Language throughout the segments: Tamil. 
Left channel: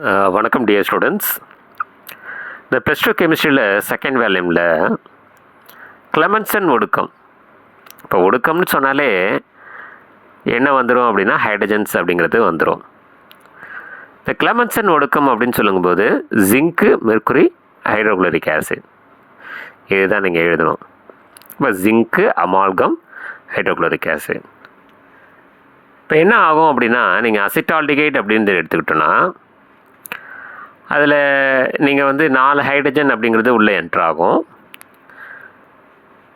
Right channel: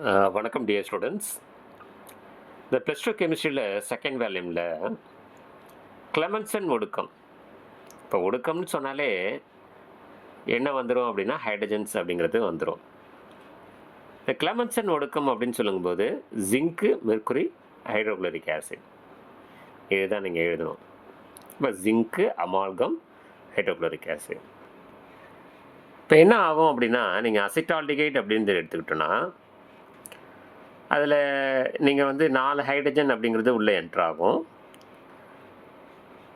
வணக்கம் டியர் ஸ்டூடெண்ட்ஸ் இந்த ப்ளஸ் டூ கெமிஸ்ட்ரியில் செகண்ட் வேல்யூமில் கிளமன்சன் ஒடுக்கம். இப்போ ஒடுக்கம்னு சொன்னாலே என்ன வந்துடும் அப்படின்னா ஹைட்ரஜன்ஸ் அப்படிங்கிறது வந்துடும் இந்த கிளமன்சன் ஒடுக்கம் அப்படின்னு சொல்லும்போது ஜிங்க்கு மெர்க்குரி ஹைட்ரோக்ளோரிக் ஆசிட் இதுதான் நீங்கள் எழுதணும். இப்போ ஜிங்க்கு அமால்கம் ஹைட்ரோக்ளோரிக் ஆசிட் இப்போ என்ன ஆகும் அப்படின்னா நீங்கள் அசிட்டால்டிகைட் அப்படின்னு எடுத்துக்கிட்டோன்னா அதில் நீங்கள் வந்து நாலு ஹைட்ரஜன் அப்படிங்கிறது உள்ளே என்ட்ராகும்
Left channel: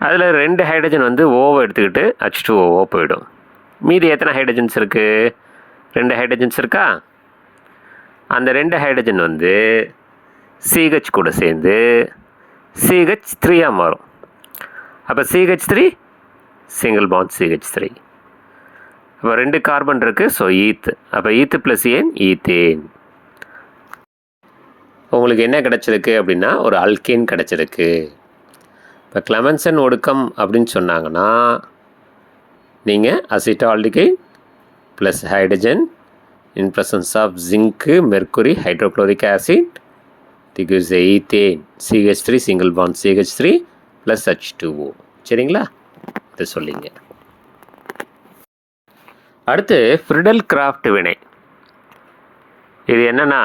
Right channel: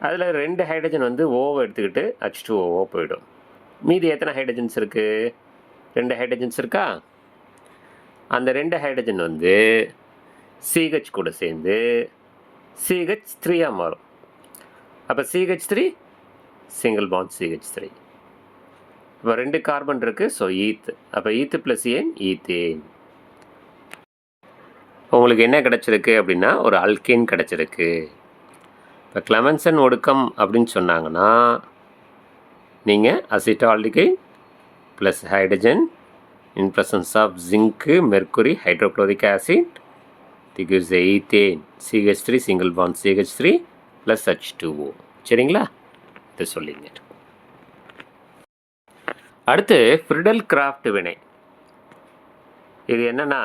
அதில் ரெண்டு ஹைட்ரஜன் வந்து ஓவை எடுத்துக்கிட்டு ஹச் டூ ஓவோ போயிடும். மீதி எத்தனை ஹைட்ரஜன்ஸ் இருக்குது ரெண்டு ஹைட்ரஜன்ஸ் இருக்கா? அந்த ரெண்டு ஹைட்ரஜன் வந்து சிஹெச் கூட சேர்ந்து சிஹெச் த்ரீயாக மாறும். அப்போ CH three single bond CH three அப்போ ரெண்டு கார்பன் இருக்குது ஸோ ஈத்து அப்போ ஈத்து ப்ளஸ் ஏன் ஈத்தேன் உங்களுக்கு என்ன கிடச்சிருக்கு அப்படின்னா ஒரு அல்கேன் கிடச்சிருக்கு. இப்போ கிளமன்சன் ஒடுக்கம் அப்படின்னு சொன்னாங்கன்னா நீங்கள் acetaldehyde plus hydrogen in presence of zinc mercury hydrochloric acid the gives ethane CH three single bond CH three plus H two O சரிங்களா? இது சொல்லிங்க. அடுத்து ஃப்ரிடல் கிராஃப்ட் வினை இது என்னென்னா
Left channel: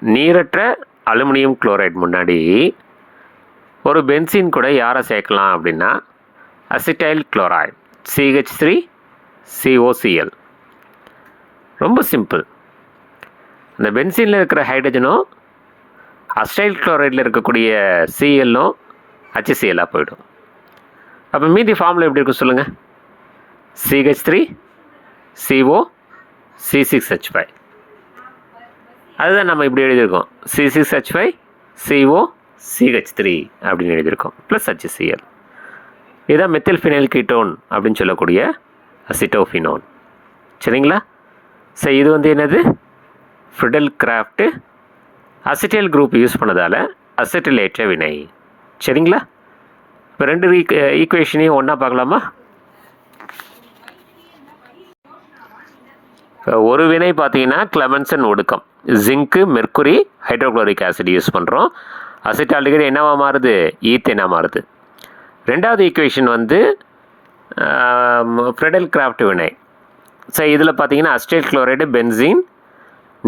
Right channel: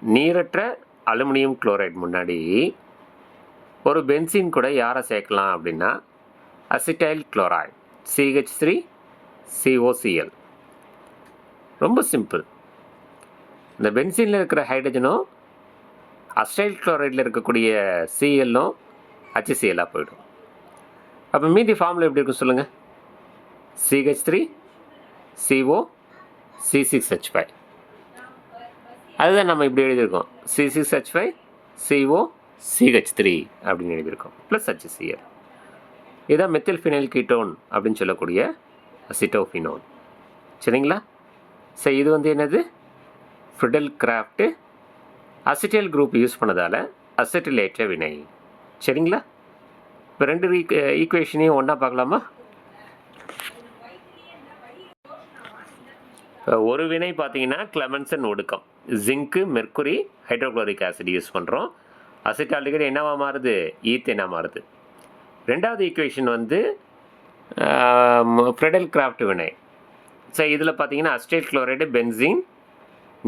நீரற்ற அலுமினியம் குளோரைட் முன்னாடி ஒரு பென்சின் கூட யாரை சேர்க்கலாம் அப்படின்னா acetyl chloride CH three COCl ரொம்ப சிம்பிள். இந்த பென்சினில் இருக்கிற ஹைட்ரஜனும் அஸ்டைல் குளோரைடில் இருக்கக்கூடிய சிஎல்லும் ஹச்சிசிஎல்லாக போயிடும். அப்போ மீதி ஃபார்மில் எப்படி இருக்கும் சொல்லுங்கள் CH three CO C six H five அதுதான் நம்ம இப்படி எழுதியிருக்கோம். C six H five CO CH three அப்படின்னு எழுதியிருக்கோம். ப்ளஸ் ஹச்சிசிஎல் இதுதான் மெத்தில் ஃபினைல் கீட்டோன் அப்படின்னு சொல்லக்கூடிய அசிட்டோஃபினோன் சரிங்களா? சரி இது வந்து என்னது? Friedel crafts acetyl group use பண்ணதால் அசிட்டிலேற்ற வினை சரிங்களா? இப்போ ரெண்டு ஈக்குவேஷனையும் ஒன்றா பார்க்கலாமா? ஒரு வினை பார்த்தீங்கன்னா கிளமன்சன் ஒடுக்கம். Zinc mercury hydrochloric acid use பண்ணுறோம் அசிட்டால்டிகைடு என்னவா மாறுது? ஈத்தேனாக மாறுது. ரெண்டாவது ஈக்குவேஷன் வந்து ஃப்ரெடல் கிராஃப்ட் வினை. ஸோ இதில் பார்த்தீங்கன்னா அஸ்டேட் குளோரைடு பென்சின்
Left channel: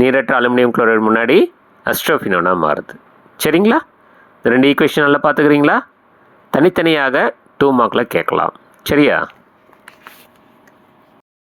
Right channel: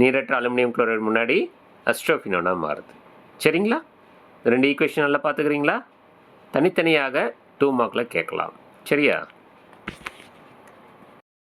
நீரற்ற அலுமினியம் குளோரைடு முன்னாடி அஸ்ட்ரோஃபினோனாக மாறுது. சரிங்களா? இந்த ரெண்டு ஈக்குவேஷன் நல்லா பார்த்துக்கிறீங்களா? தனித்தனியாக டூ மார்க்கில் கேட்கலாம். சரியா?